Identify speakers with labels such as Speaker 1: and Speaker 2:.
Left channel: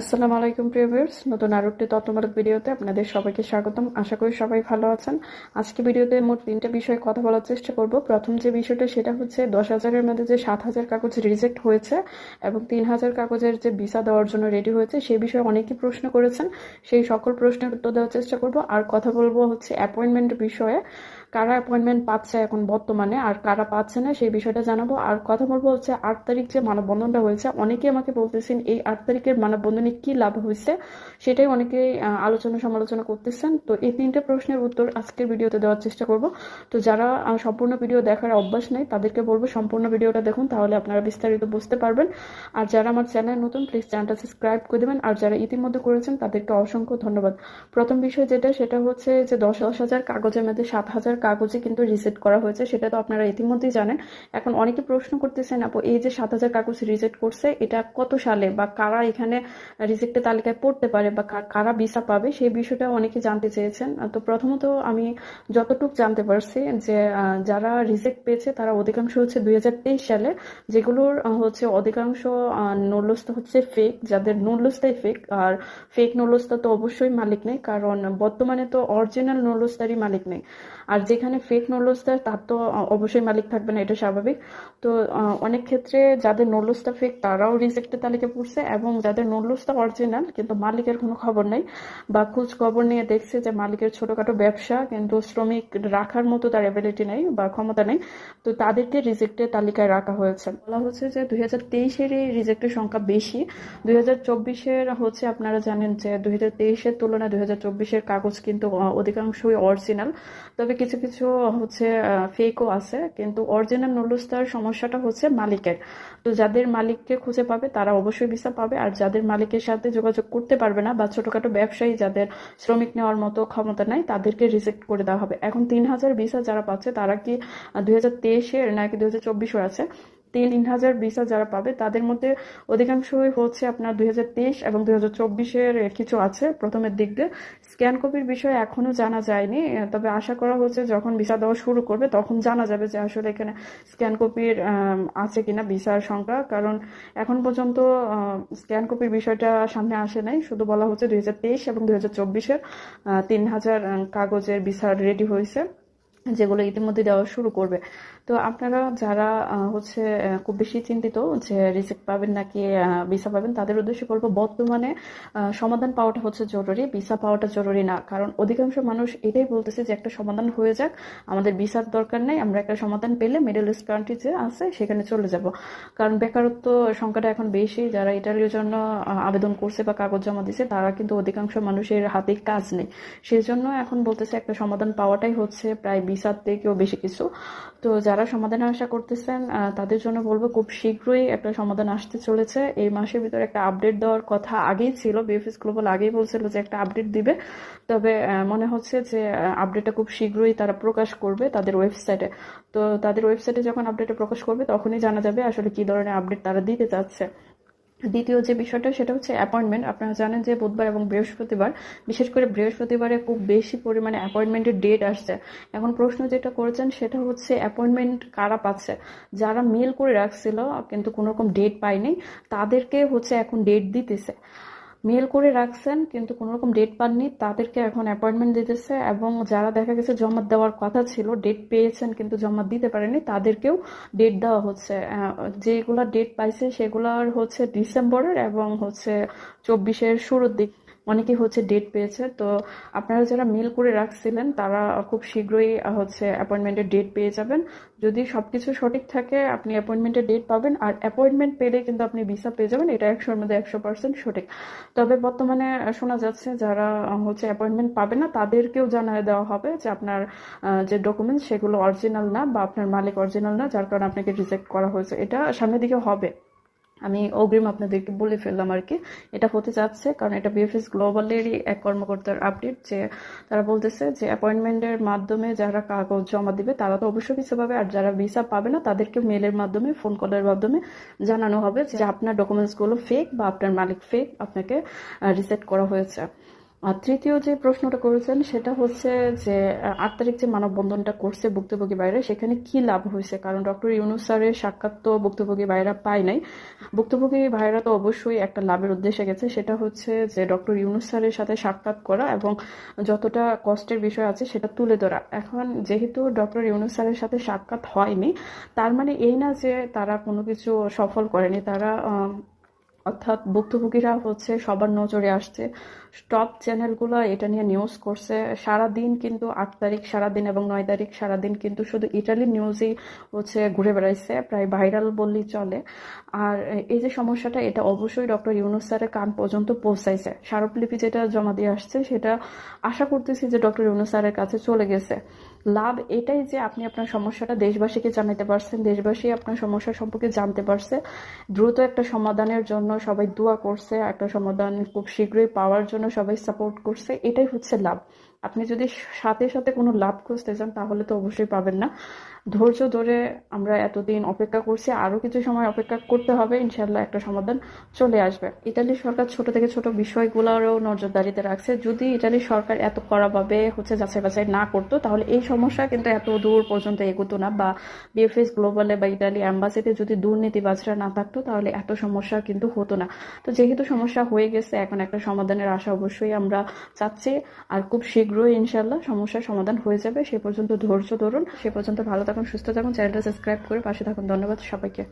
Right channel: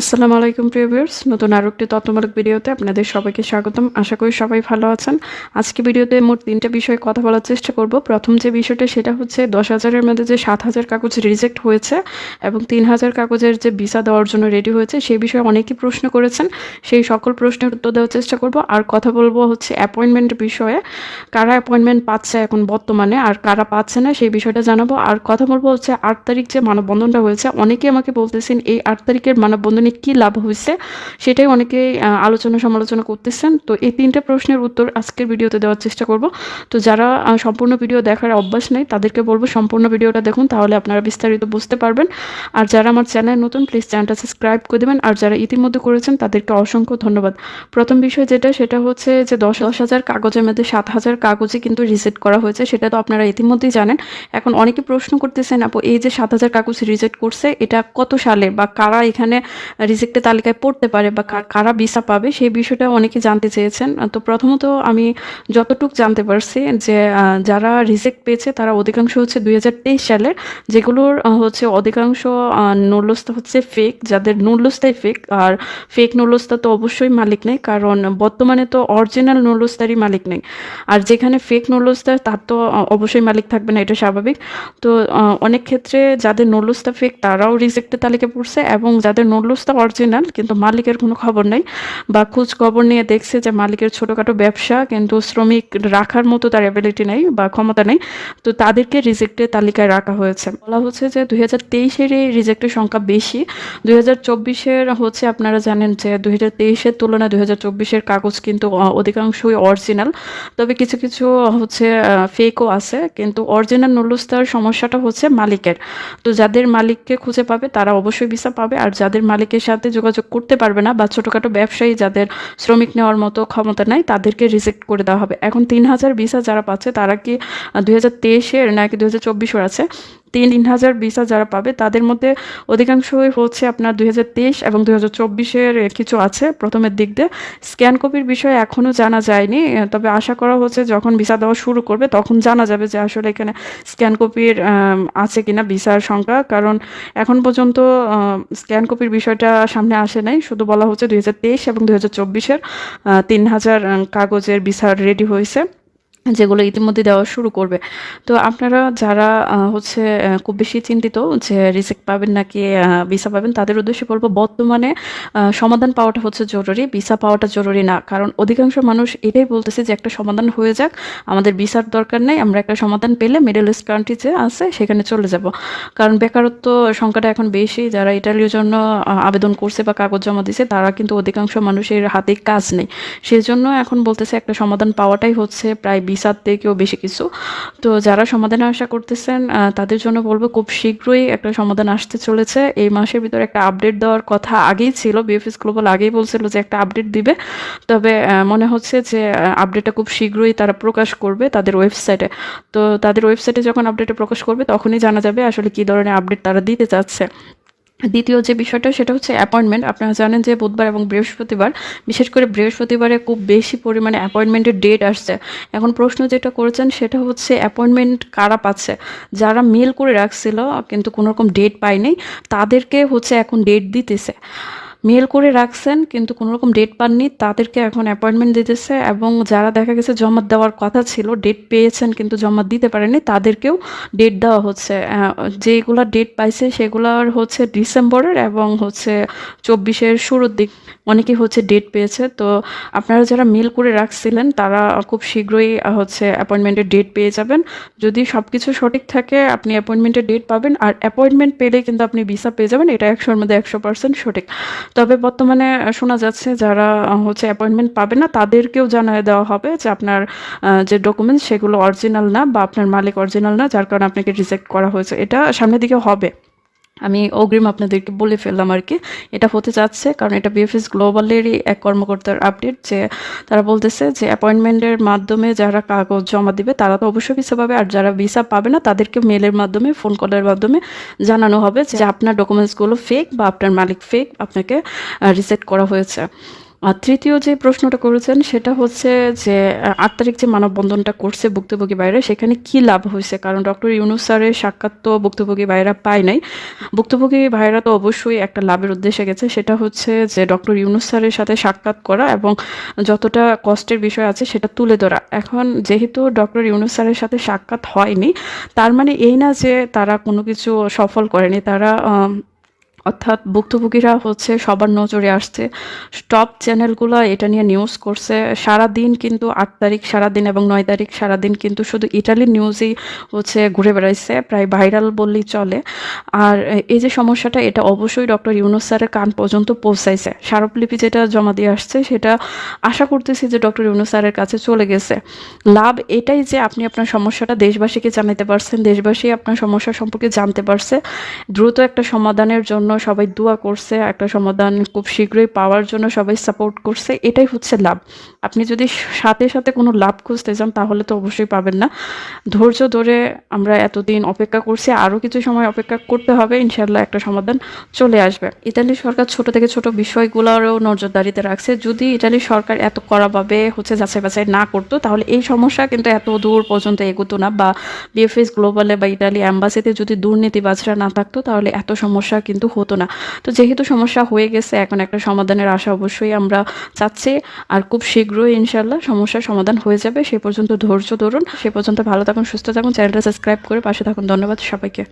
Speaker 1: আসসালামু আলাইকুম, প্রিয় ভিউয়ার্স। নতুন আরও একটি তথ্যমূলক ভিডিওতে আপনাদের সবাইকে স্বাগতম। আশা করি সবাই ভালো আছেন। আজকে ভিডিওতে মোট তিনটা বিষয়ে কথা বলার চেষ্টা করব। প্রথম যে বিষয়টা, সেটা হচ্ছে দশ হাজারের মধ্যে যে সাত হাজার কাগজ রিজেক্ট হয়েছে এবং তিন হাজার কাগজের যে ভিসা দেওয়ার জন্য রেডি হয়েছে সেই বিষয়ে অনেকেই প্রশ্ন করেছেন। সেই সকল প্রশ্নের উত্তর দেওয়ার চেষ্টা করব। আর কথা বলব হচ্ছে অ্যাপয়েন্টমেন্ট বিষয়ে। কারা অ্যাপয়েন্টমেন্ট পাচ্ছে এখন বর্তমানে, আর কারা পাচ্ছে না, সেই বিষয়টা জানাব। আর কথা বলব হচ্ছে আট তারিখ যে মানববন্ধনটা হয়েছে। অনেকেই আমাকে বলতেছেন, এই আট তারিখের মানববন্ধনে কি লাভ হয়েছে সেটাই অনেকে আলোচনা সমালোচনা করতেছেন। তো এই তিনটে প্রশ্নের উত্তর আজকের ভিডিওতে দেওয়ার চেষ্টা করব। তো যারা সম্পূর্ণ ভিডিও দেখার অভ্যাস নেই, তাদেরকে বলব সম্পূর্ণ ভিডিওটা দেখুন, তাহলে আপনারা বিস্তারিত বুঝতে পারবেন। আর যারা আমার চ্যানেল নতুন প্লিজ চ্যানেলটা সাবস্ক্রাইব করে দেবেন। আর যারা ইতিমধ্যে করেছেন, তাদেরকে অসংখ্য ধন্যবাদ। প্রথম বিষয় যেটা, সেটা হচ্ছে যে দশ দশ হাজার কাগজের মধ্যে সাত হাজার কাগজে কিন্তু রিজেক্ট করা হয়েছে, সেটা তো আপনারা ইতিমধ্যেই জানেন। এখন অনেকে প্রশ্ন করতেছেন, আপু, এই যে সাত হাজার কাগজ রিজেক্ট করছে, এটা কত সালে বা কারা এখানে রিজেক্টের তালিকায় পড়তে পারে বা কারা ভিসা পাবে সেই বিষয়টা অনেকে জানতে চেয়েছেন। তো প্রথমত আমি যতটুকু জানতে পারছি যে যারা রিজেক্ট পেয়েছে তারা অধিকাংশ হচ্ছে দুই হাজার তেইশ সালের, যেগুলোর হচ্ছে অধিকাংশ নুল্লস্তা হচ্ছে ফেক যাদের নুল্লস্তাই ফেক আর ফেক নুল্লস্তা তো অবশ্যই মালিক নেই, কারণ বর্তমানে তো অরিজিনাল নুল্লস্তারই মালিক নেই। আর যেখানে ফেক নুল্লস্তার তার তো অবশ্যই মালিক থাকবে না, এটা স্বাভাবিক। তো অনেক ক্ষেত্রে যাদের নুল্লস্তা ফেক তারাও রিজেক্টের তালিকায় পড়ছে এবং যাদের নুল্লস্তা অরিজিনাল কিন্তু মালিকের কোনো খবর নেই। বা খোঁজ খবর নিয়ে দেখছে যে মালিকের ছোটোখাটো ব্যবসা, কিন্তু শ্রমিক রাখার মতো তার অ্যাবিলিটি নেই বা ক্ষমতা নেই। তো তাদেরকে রিজেক্টের তালিকায় রাখা হয়েছে। বলা হচ্ছে যে দুই হাজার এই রিজেক্টের সংখ্যা বেশি। দুই হাজার চব্বিশের হচ্ছে আপনারা জানেন যে দুই হাজার তেইশের তুলনায় দুই হাজার চব্বিশের কাগজ কিন্তু অধিকাংশই অরিজিনাল তবে কিছু কিছু হচ্ছে ফেকও আছে, কিন্তু অরিজিনাল নুলুস্তার সমস্যাটা হচ্ছে মালিকের। তো যাদের মালিককে খুঁজে পাবে, তারা অবশ্যই ভিসা পাবে। আর যাদের মালিকের সাথে যোগাযোগ করতে পারবে না বা ছোটোখাটো ব্যবসায়ী যাদের শ্রমিক নেওয়ার মতো ক্ষমতা নাই, তাদেরকে রিজেক্ট করে দেওয়া হবে। এখন তিন হাজার ভিসা যারা পাচ্ছে, তারা কি দুই হাজার তেইশের নাকি দু হাজার চব্বিশের আছে? তিন তিন হাজার ভিসা যারা পাবে, তাদের মধ্যে অধিকাংশই হচ্ছে আপনার দুই এবং দুই হাজার কিছু আছে প্রথমের দিক দিয়ে। স্ক্যান কপির বিষয়ে এখনও জানা যায়নি, তবে আশা করা হচ্ছে যখন ভিসা দেওয়া শুরু করবে তখন জানা যাবে যে আসলে এখানে স্ক্যান কপির আছে কিনা ভিসার সংখ্যা, কারণ এখন পর্যন্ত স্ক্যান কপির বিষয়টা সামনে আসে নাই। শুধু বলা হচ্ছে দুই হাজার তেইশ এবং দুই হাজার চব্বিশের তিন হাজার কাগজের ভিসা রেডি হয়েছে। যেগুলো ইতিমধ্যে দেওয়া শুরু করবে। তো আপনারা যারা হচ্ছে খুব বেশি চিন্তিত যে রিসেক্ট পাবেন নাকি ভিসা পাবেন, তাদের উদ্দেশ্যে বলব বর্তমানে সমাধান পাওয়াটা হচ্ছে জরুরি, ভিসা পাওয়াটা জরুরি না। কারণ অধিকাংশ মানুষ এটাই বলতেছে যে একটা সমাধান হয়ে যাক, আমাদের ভিসার দরকার নেই, আমরা একটা সমাধান পেলে মিডল ইস্ট কান্ট্রি যে আছে, সেখানে চলে যাব। কারণ বেকারত্ব সংখ্যাটা এখন বেশি, যারা ইটালির জন্য আবেদন করছে বা কাগজ জমা দিছে, তারা কিন্তু অধিকাংশ মানুষের হাতে কাজ নেই। সেজন্য এখন বলতেছে একটা সমাধান পাওয়াটাই হচ্ছে প্রায় ভিসার থেকেও বেশি কিছু। তো যারা সমাধানে আশা করতেছেন তাদের জন্য বলব খুব শীঘ্রই একটা সমাধান আসতে চলেছে। এই মাসের ভিতরে একটা আপডেট দেওয়ার কথা আগেই ছিল বিএফএস গ্লোবাল আগেই বলছিল যে একটা আপডেট দিবে। তবে মনে হচ্ছে যে আপডেটটা খুব শীঘ্রই তারা প্রকাশ করবে তাদের ওয়েবসাইটে তো তাদের ওয়েবসাইটে যখন আপডেটটা প্রকাশ করবে, তখনই জানা যাবে আসলে কী ধরনের আপডেট তারা দিতে চাচ্ছে। দ্বিতীয় যে বিষয়টা, সেটা হচ্ছে অ্যাপয়েন্টমেন্ট আপনারা জানেন যে বুধবার এবং বৃহস্পতিবার, বিশেষ করে বৃহস্পতিবারে খুব বেশি পরিমাণে অ্যাপয়েন্টমেন্টের ডেট আসছে। এখন প্রশ্ন যেটা করেছেন, সেটা হচ্ছে অ্যাপয়েন্টমেন্ট কারা পাচ্ছে? যারা মেল করে রাখছিল, কিন্তু কোনোরকম ডেট পায়নি, তাদেরকে হচ্ছে এখন ডেট দিতেছে। মেল করে রাখছেন, কিন্তু কোনো রকম ডেট পাননি। তাদেরকে এখন অ্যাপয়েন্টমেন্ট দিতেছে এবং যারা দেখা গেছে জমা দেওয়ার কথা ছিল ডেট পেয়েছেন কিন্তু জমা দিতে পারেনি তাদেরকেও ডেট দেওয়া হচ্ছে। যেগুলা ডেট পাইছে সেগুলার হচ্ছে ডিসেম্বরের এবং হচ্ছে চব্বিশের শুরুর দিক। অনেকেই হচ্ছে ডেট পেয়েছে। তো আপনারা যারা মেল করে রাখছিলেন, তারা খুব শীঘ্রই হচ্ছে অ্যাপয়েন্টমেন্টের ডেট পেয়ে যাবেন। যদি সব কিছু সঠিক থাকে, আপনি অ্যাপয়েন্টমেন্টের ডেট পাবেন। আর অ্যাপয়েন্টমেন্ট পেলে কিন্তু আপনি ভিসা পেয়ে যাবেন। এটা একশোর মধ্যে একশো পার্সেন্ট সঠিক। তবে বর্তমানে শোনা যাচ্ছে যারা হচ্ছে অ্যাপয়েন্টমেন্ট পাবে না, তাদেরকেও জানিয়ে দেওয়া হবে যে আপনার যে ডকুমেন্টস সেগুলো অরিজিনাল না বা আপনার মালিক অরিজিনাল না, যার কারণে আপনাকে রিজেক্ট করা হয়েছে। এটা সামনের দিকে হবে। আমি অগ্রিম আপনাদেরকে বলে ফেললাম আর কি। এটা হতে যাচ্ছে কারণ এটা বিএফএস গ্লোবালেরই এক কর্মকর্তার আপডেট যে তারা বলতেছে যে অ্যাপয়েন্টমেন্টের মাধ্যমে যারা কাগজ জমা দিবে তারা তো অবশ্যই ভিসা পাবে আর যারা ভিসা পাবে না তাদেরকে মেলের মাধ্যমে ফোন কলের মাধ্যমে জানানো হবে যে আপনার ডকুমেন্টসগুলো ফেক বা আপনার মালিক ফেক আপনাকে রিসেট করা হয়েছে। আর তৃতীয় যে প্রশ্নটা করেছেন, সেটা হচ্ছে যে আট তারিখ যে মানববন্ধনটা করছে ভুক্তভোগী বাইরে, সেখানে কি লাভ হয়েছে? কারণ ডক্টর ইউনুস স্যারের সাক্ষাৎ তো ভুক্তভোগী ভাইরা পায় নাই। ভুক্তভোগী ভাইরা তো অবশ্যই একটা লাভের উদ্দেশ্যে গেছে, সেটা হচ্ছে যে, ডক্টর ইউনুস স্যারের সাথে সাক্ষাৎ করা এবং যতটা কষ্টের বিষয় আছে, সেটা তুলে ধরা। এখন যেহেতু ডক্টর ইউনুস স্যারের সাথে সাক্ষাৎ হয়নি, তার মানে এই না যে, তারা কোনো কিছু সফল করেনি। তারা অর্থাৎ ভুক্তভোগীরা হচ্ছে সবার নজরে আসছে। টপ চ্যানেলগুলো এটা নিয়ে নিউজ করছে। সারা দিন কিন্তু আট তারিখ সারা দিন এবং নয় তারিখ সারা দিন কিন্তু শুধু ইটালির নিউজই হচ্ছে ঘুরে বেড়াইছে, প্রায় ভাইরাল বললেই চলে। আর এই যে সমস্যাটা, এটা অবশ্যই ডক্টর ইউনুস স্যারের কান পর্যন্ত পৌঁছাইছে। স্মারকলিপি যেটা জমা দিয়ে আসছে, সেটা আশা করতেছি যে ডক্টর ইউনুস স্যারের কাছে চলে গেছে। লাভ এটাই যে আপনি আপনার সমস্যাটা দেশবাসীকে জানাতে পারছেন, দেশবাসী আপনার সমস্যা সম্পর্কে জানতে পারছে। দ্রুত একটা সমাধানের জন্য সবাই দোয়া করছে, একটা সমাধান খুব শীঘ্রই পাওয়ার জন্য সবাই সাপোর্ট করছে, এটাই হচ্ছে লাভ। আপনি যদি সাথে সাথে কোনো লাভ খুঁজতে চান, তাহলে তো অবশ্যই পাবেন না। ধৈর্য ধরে আমরা এতদিন অপেক্ষা করছি আরও কিছু সময় অপেক্ষা করতে হবে ইনশাল্লাহ একটা সমাধান চলে আসবে। ইতালি সরকার ছোট থেকে ছোট বিষয়গুলোরও নজরদারিতে রাখছে। যদি ইতালি সরকার এত কড়াভাবে হচ্ছে যাচাই বাছাই না করতো, তাহলে এই সমস্যা কিন্তু এত দূর পর্যন্ত এগোতো না বা বিএফএস গ্লোবালে বা ইতালি অ্যাম্বাসিতে যদি দুর্নীতিবাজরা না থাকতো, তাহলে এত সমস্যা কিন্তু হতো না। তো যেহেতু সমস্যা হয়ে গেছে, এখন একটা সমাধানের আশা অবশ্যই আমরা চাচ্ছি। আর খুব শীঘ্রই ইনশাল্লাহ সমস্যার সমাধান হয়ে যাবে। সে পর্যন্ত ধৈর্য ধরুন। সে পর্যন্ত ভালো থাকুন, সুস্থ থাকুন। চ্যানেলটা সাবস্ক্রাইব করে পাশে থাকুন। ধন্যবাদ সবাইকে।